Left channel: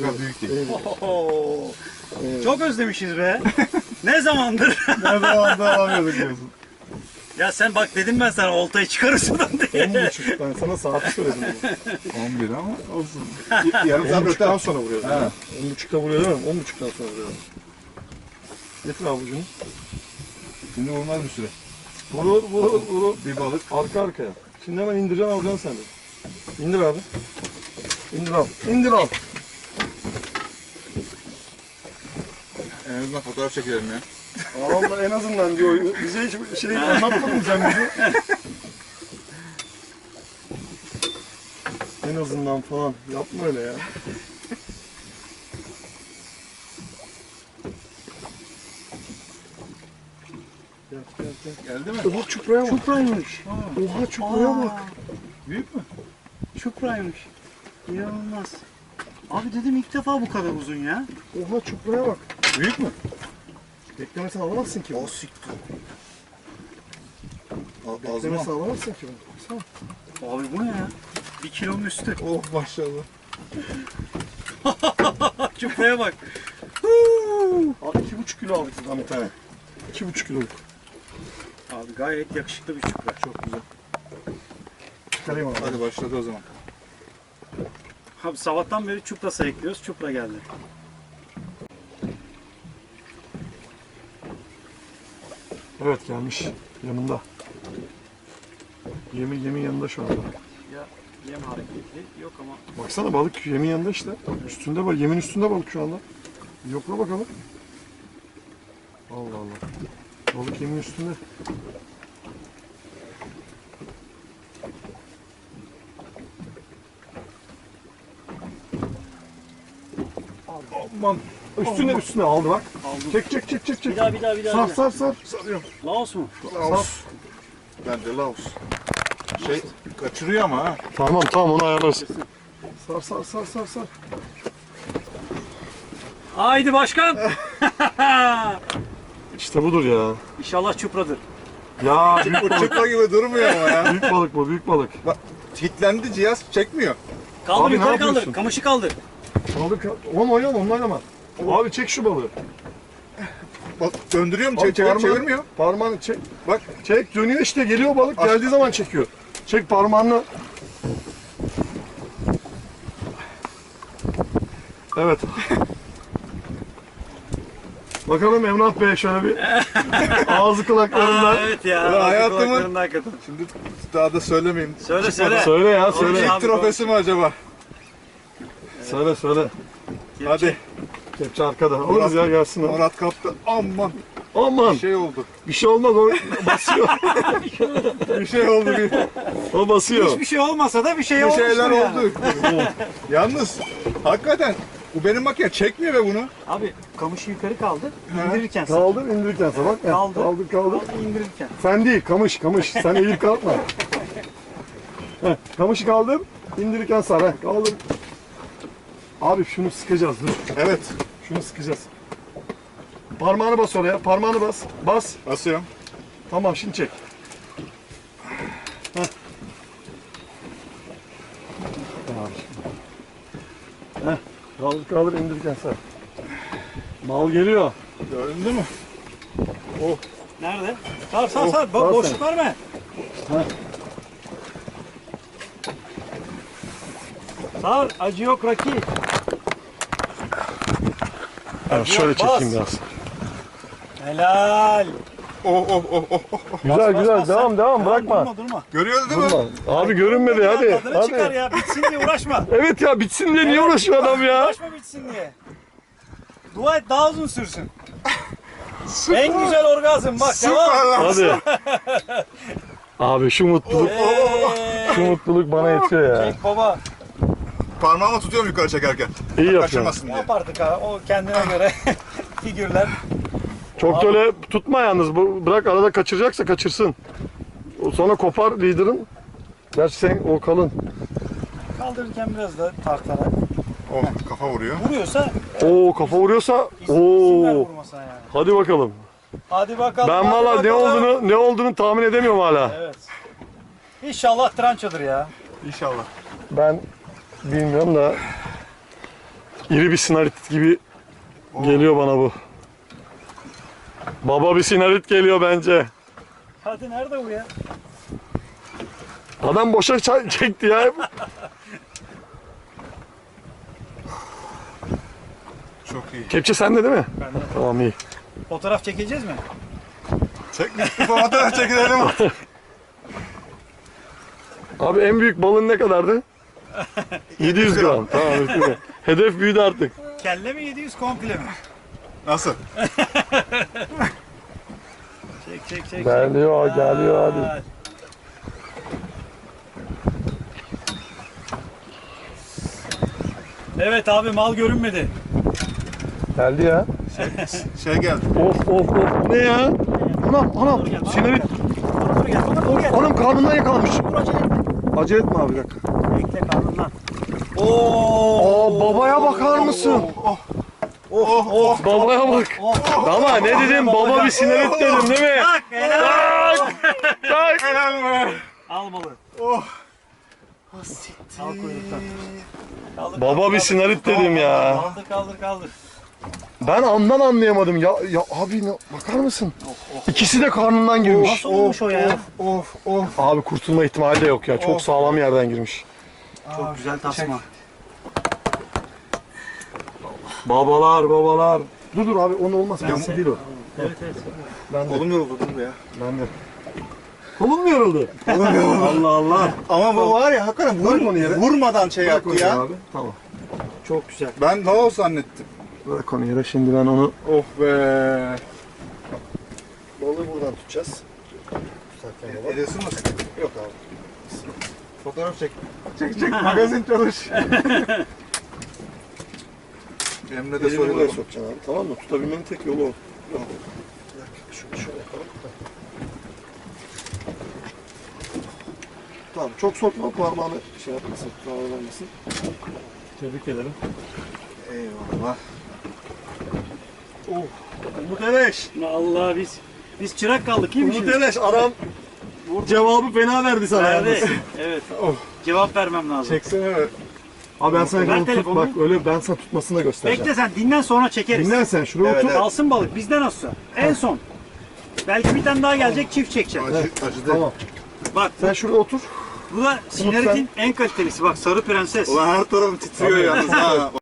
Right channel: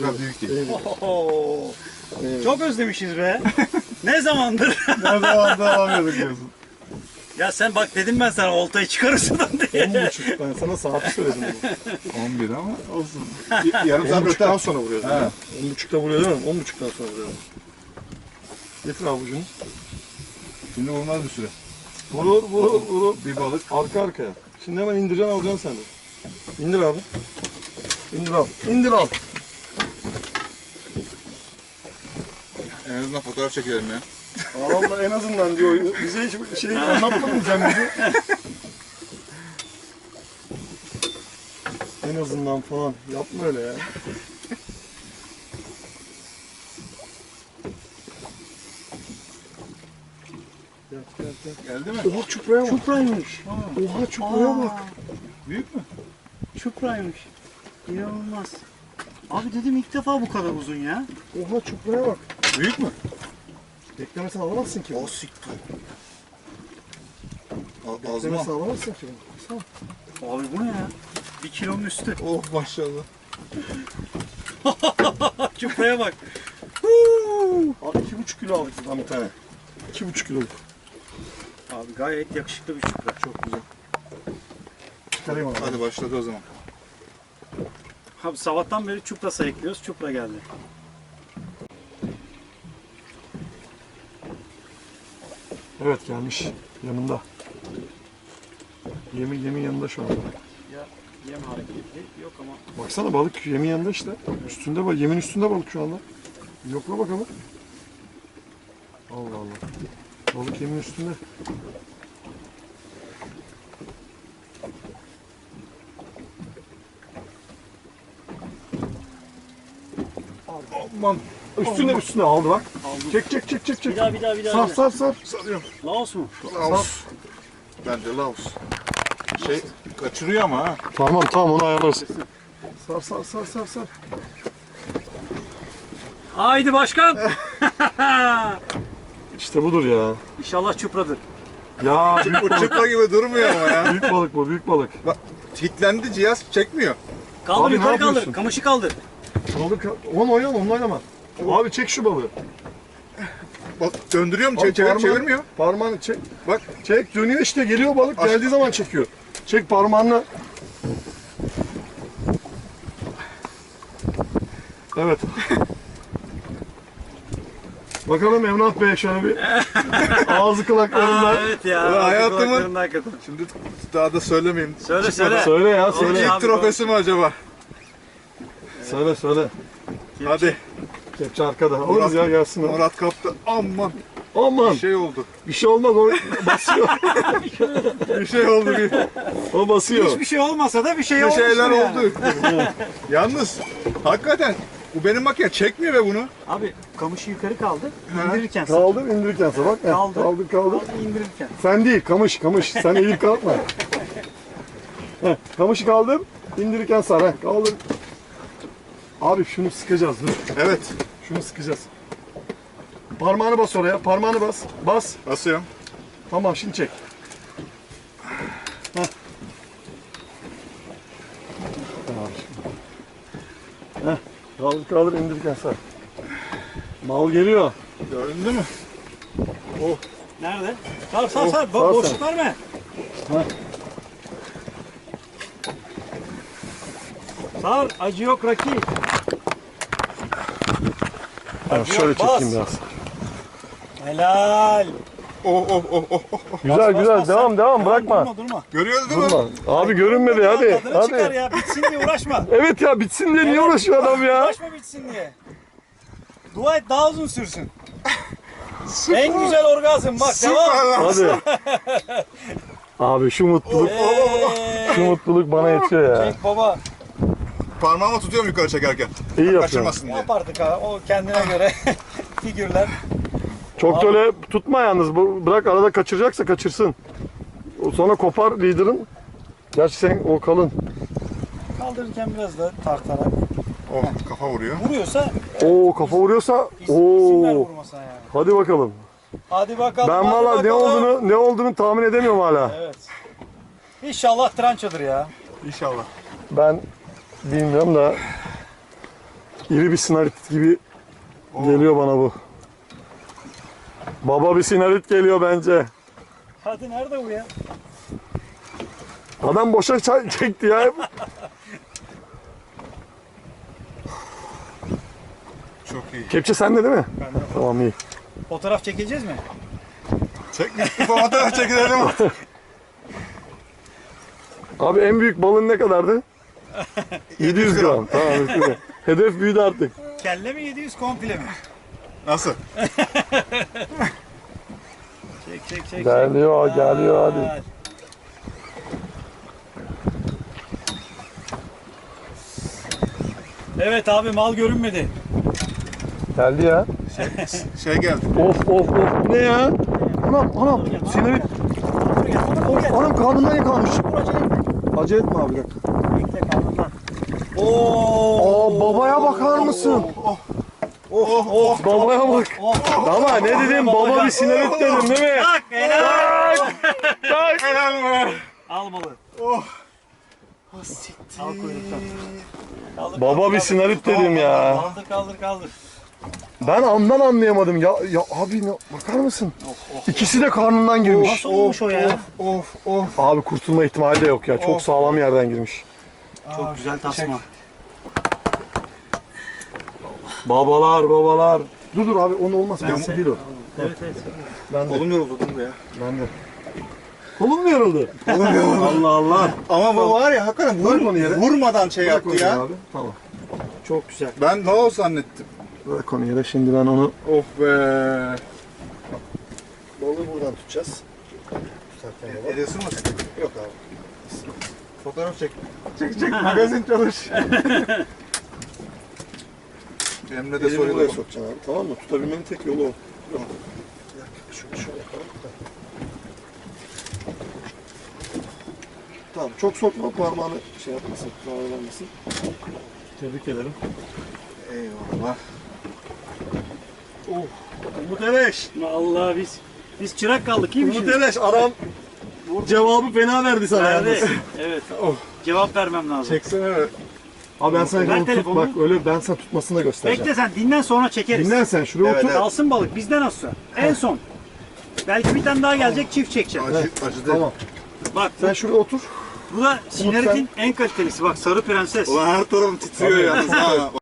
büyük değil. Oho. Çok özlemişiz be. ne zamandır? Ne zaman da alamıyorduk diyorsun. ya sen bak dedim ben sana oltayı çıkarır sudan diye. 10.30 ben sana saati söyledim. 11 ama olsun. Yarım saat öteden sonra vuruyoruz. Ha. 10.30'da vuruyor değil mi? 10.30'dan sonra vuruyor. Getir avucunu. Şimdi olmaz bir süre. Vurur vurur vurur. Bir balık. Arka arkaya. Şimdi hemen indireceksin alacaksın sen de. İndir abi. İndir al. İndir al. En azından fotoğraf çekelim ya. Allah en azından diyor. Bize hiç şey anlatmadın sen bize. en azından falan. Yapma öyle ya. Gel gel gel. Geldi mi? Oha çupraya bak. Çupraymış. Oha çupraya bak. Büyük mü? Çupraymış. İnanılmaz. Abi dedim ilk defa bu kadar uzun ya. Oha çupraya bak. Büyük mü? Beklemesen alamazsın ki. O siktir. Beklemesen alamazsın ki bunu. Baksana. Abi bu ne ya? Bir kilonun üstü. Oh maşallah. Çupraya bak. Abi iki buçuk kilo aldık buradan bir tane. İki buçuk kiloluk. Abi gayet yakışıklı bir çupra. Çok güzel. Çıkarayım abi. Hadi başladı o zaman. Abi sabahtan beri çupra sayıklıyoruz. Çupra geldi. Evet gelmiş. Yanında. Yemi yemin yanında şu anda. Ya yem hareketi yok ama Baksana balık yemin yanında işte. Üstünde bak yemin üstünde balık şu anda. Yokla bakalım. Allah Allah. Balık yemin üstünde. Aman. Üstüne üstüne aldı bak. aldım. Çek çek çek çek Bir çek. daha bir daha bir daha. Sar bir daha. sar sar. Sarıyorum. Laos mu? Laos. Bence Laos. Şey kaçırıyor ama ha. Tamam tamam onu ayarlarız. Sar sar sar sar sar. Haydi başkan. İşte budur ya. İnşallah çupradır. Ya büyük balık. çıpra gibi durmuyor ama ya. büyük balık bu büyük balık. Bak kilitlendi cihaz çekmiyor. Kaldır Abi ne yukarı kaldır. yapıyorsun? Kamışı kaldır. Balık onu oynama onu oynama. Abi çek şu balığı. Bak döndürüyorum Abi çek, çevir, parmağını- çevirmiyor. Parmağını çek. Bak Çek dönüyor işte geliyor balık Aç. geldiği zaman çekiyor. Çek parmağını. Evet. Bakalım Emrah Bey şöyle bir ağzı kulaklarından. evet ya. Ulan hayatımın- kulaklarında hakikaten. şimdi daha da söylemeyeyim. Söyle söyle. Söyle ya Söyle. söyle. İlk Abi, trofesi mi acaba? Söyle söyle. Hadi. Kepçe arkada. Alırız ya gelsin. Murat kaptı. Aman Aman bir şey oldu. bir şey olmaz o basıyor. Bir şey oldu. Bir, o basıyor. Hiçbir şey olmasa da bir şey bir şeyler yani. oldu. Yalnız hakikaten bu benim makine çekmiyor be bunu. Abi kamışı yukarı kaldır. indirirken sen. Kaldır indirirken sabah. Kaldır. Kaldır kaldır. Kaldır indirirken. Sen değil kamış kamış. Sen eğilip kalkma. Heh, kamışı kaldır. indirirken sar. Heh, kaldır. Abi şunu sıkacağız dur. Evet. Şunu sıkacağız. Parmağını bas oraya. Parmağını bas. Bas. Basıyorum. Tamam şimdi çek. Heh. Tamam şimdi. Heh. Kaldır kaldır indirirken sar. Mal geliyor. Gördün mü? Nerede? Sar sar sar. Bo- sar boşluk verme. Sar. Acı yok Raki. Evet, şöyle bas. çekeyim biraz. Helal. Oh oh oh oh. oh. Güzel Bas, güzel bas, devam devam bırakma. Durma durma. Görüyoruz değil mi? Durma. Abi görünmedi hadi. Tadını çıkar Hadi. ya. Bitsin diye uğraşma. Evet ya bitsin diye niye uğraşıyor adam ya? Uğraşma bitsin diye. Dua et daha uzun sürsün. En güzel orgazm bak devam. Süper lan. Hadi. Abi şu mutluluk, şu mutluluk bana yetiyor ya. Çek baba. Parmağımı tutuyorum yukarı çekerken. İyi yapıyorsun. Kaçırmasın Ne diye. yapardık ha? O kendine göre figürler. Çok da öyle tutma yalnız. Bu- Bırak arada kaçıracaksa kaçırsın. O sonra kopar liderin. Gerçi sen o kalın. Kaldırırken biraz da tartarak. Oh kafa vuruyor. Vuruyorsa Oo kafa vuruyorsa. Oo. vurmasına yani. Hadi bakalım. Hadi bakalım. Ben hadi valla ne bakalım. olduğunu ne olduğunu tahmin edemiyorum hala. Evet. İnşallah trançadır ya. İnşallah. Ben bilmiyorum da İri bir sinarit gibi geliyor bana bu. Baba bir sinarit geliyor bence. Hadi nerede bu ya? Adam boşa çekti ya. Çok iyi. Kepçe sende değil mi? Bende. Tamam iyi. Fotoğraf çekeceğiz mi? Çek. Fotoğraf çekilelim. Abi en büyük balın ne kadardı? 700 gram. Tamam üstüne. Hedef büyüdü artık. Kelle mi 700 komple mi? Nasıl? Çek çek çek. Geliyor, çek. geliyor hadi. Aa, Evet abi mal görünmedi. Geldi ya. Şey geldi. Of of of bu ne ya? Anam anam dur Of anam karnından yakalanmış. Dur acele etme. Acele etme abi bir dakika. Oo. Aa babaya bakar mısın? Oh oh oh. Babaya bak. Ama ne dedim baba bir sinarit dedim değil mi? Bak helal. Tak. Helal be. Al balı. Oh. Al kuyruktan. Kaldır, Baba kaldır, bir sinarit dedim ya. Kaldır kaldır kaldır. Ben andan anlayamadım. Ya ya abi ne, bakar mısın? İkisi de karnından girmiş. Nasıl olmuş o ya? Of of. Abi kurtulma ihtimali de yok ya. Çok Of. sağlam yerden girmiş. Çok güzel tasma. Babalar babalar. Dur dur abi onu olmaz. Ben değil o. Evet evet. Ben de. Kolum yoruldu dur ya. Ben de. Kolum mu yoruldu? Kolum yoruldu. Allah Allah. Ama bu var ya hakikaten vur, Bırak onu yere. vurmadan şey Bırak yaptı ya. Abi. Tamam. Çok güzel. Ben ne oldu zannettim. Bırak onu yere. Şimdi ben onu Oh be. balığı buradan tutacağız. Tutarken baba. El ısınmasın. Yok abi. Fotoğraf çek. Çek çek magazin çalış. Emre de Elini buraya soruyor. sokacaksın abi. Tamam mı? Tutabilmenin tek yolu o. Yok. Bir dakika. Şöyle şöyle yapalım. Tamam. Çok sokma parmağını şey yapmasın. Zararlanmasın. Tebrik ederim. Eyvallah. Umut Eleş. Vallahi biz biz çırak kaldık iyi mi Umut şimdi? Eleş. Adam cevabı fena verdi sana. Verdi. yalnız. Evet. Oh. Cevap vermem lazım. Çeksene. Abi ben sana Ver onu tut telefonu. bak öyle ben sana tutmasını da göstereceğim. Bekle sen dinlen sonra çekeriz. Dinlen sen şuraya Evet, otur. evet. Kalsın balık bizden olsa. En son. Belki bir tane daha gelecek çift çekeceğim. Acı, acıdı. Tamam. Bak Sen şuraya otur. bu da Sinarik'in en kalitelisi. Bak sarı prenses. Ulan her tarafım titriyor yalnız ha.